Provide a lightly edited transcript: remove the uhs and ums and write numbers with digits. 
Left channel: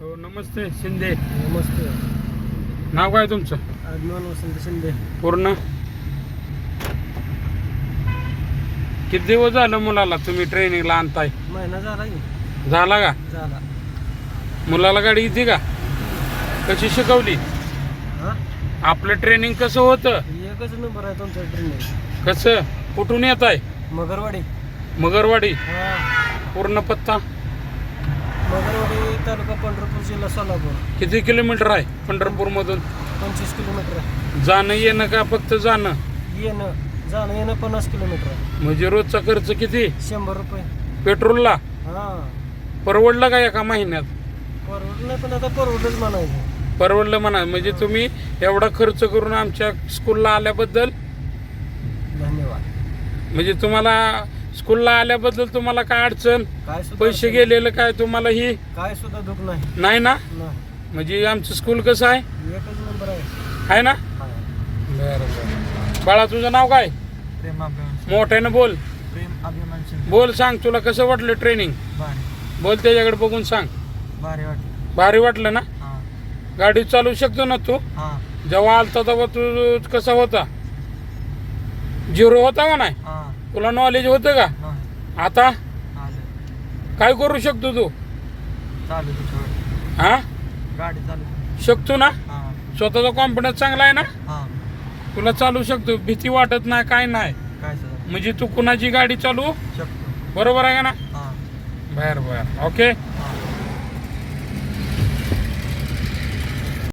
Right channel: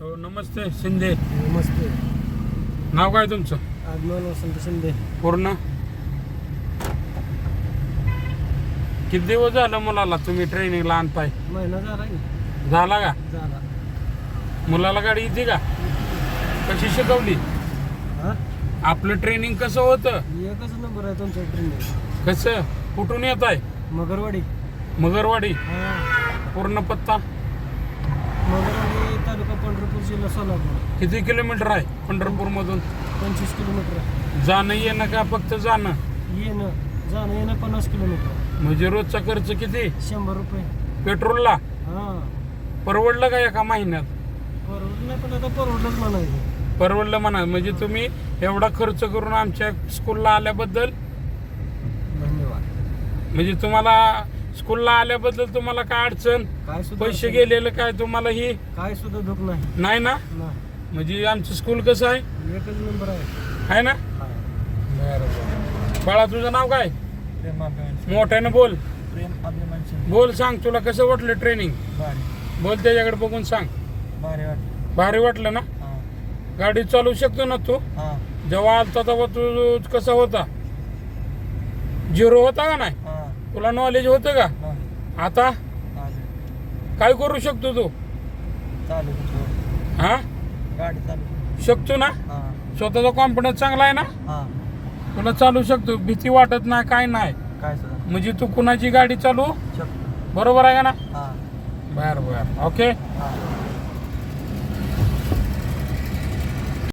हो नमस्ते शिंदे. नमस्ते. नाव काय तुमचं? आगमन वसंत शिंदे. पूर्ण किती दिवस झालं मुलाला तुम्ही ट्रेनिंगला आणताय? महिना झाला की? झाला का? झाला. मुलाला गाडी येते का? कशी शिकवली? हा आपलं ट्रेनिंग कसं होतं? एकच नंबर आहे तुमच्या ट्रेनिंग. कसं कुठून येत आहे? मगरवाडी. मगरवाडी. हा पूर्ण पत्ता मगरवाडी तालुका पंढरपूर जिल्हा सोलापूर. किती किलोमीटर आहे पंढरपूर मधून? 25 किलोमीटर आहे. जाणं येणं का फक्त जाणं? जाणं येणं 50 किलोमीटर आहे. म्हणजे रोजचा खर्च किती? 100 रुपये. पेट्रोलला हा परवडलं का एका महिन्यात? परवडलं पण आता परवडलंच म्हणायचं. परवडलं म्हणा. म्हणजे तुम्ही एवढा खर्च करून आमच्या स्कूलला आल्याबद्दल धन्यवाद. म्हणजे तुम्हाला स्कूलला आल्याबद्दल तुम्हाला काय अडचण? काय सुद्धा पैसे गेलेलं काय तुम्हाला ही काय सुद्धा दुःख नाही. नाही ना? नाही. म्हणजे आमचं स्कूल कसं आहे? एकच नंबर आहे. आहे ना? हा. बाळा तुझं नाव काय? प्रेम अभिमान. मोठ्यानं बोल. प्रेम अभिमान शिंदे. बोल सांग तुला कसं वाटलं ट्रेनिंग? भारी. बोल त्याच्याकडे बघून सांग. भारी वाटलं. भारी वाटलं ना? हा. गाडी चालू शकतो ना तू? हा. जेव्हा आलता तेव्हा तू कसा होता? झिरो होता का नाही? हा. तुला नॉलेज होतं का? हा. आता चालेल. काय करू शकतो तू? चालू तुझं. हा गाडी चालू. शकतो ना? हा. स्वतःचा कॉन्फिडन्स चांगला आहे ना? हा. तुला चालू शकतो, भीती वाटत नाही काय नाही. काय सुद्धा म्हणजे तू कुणाची गाडी चालू शकतो. बरोबर आहे का ना? हा. बर बर ओके. हा.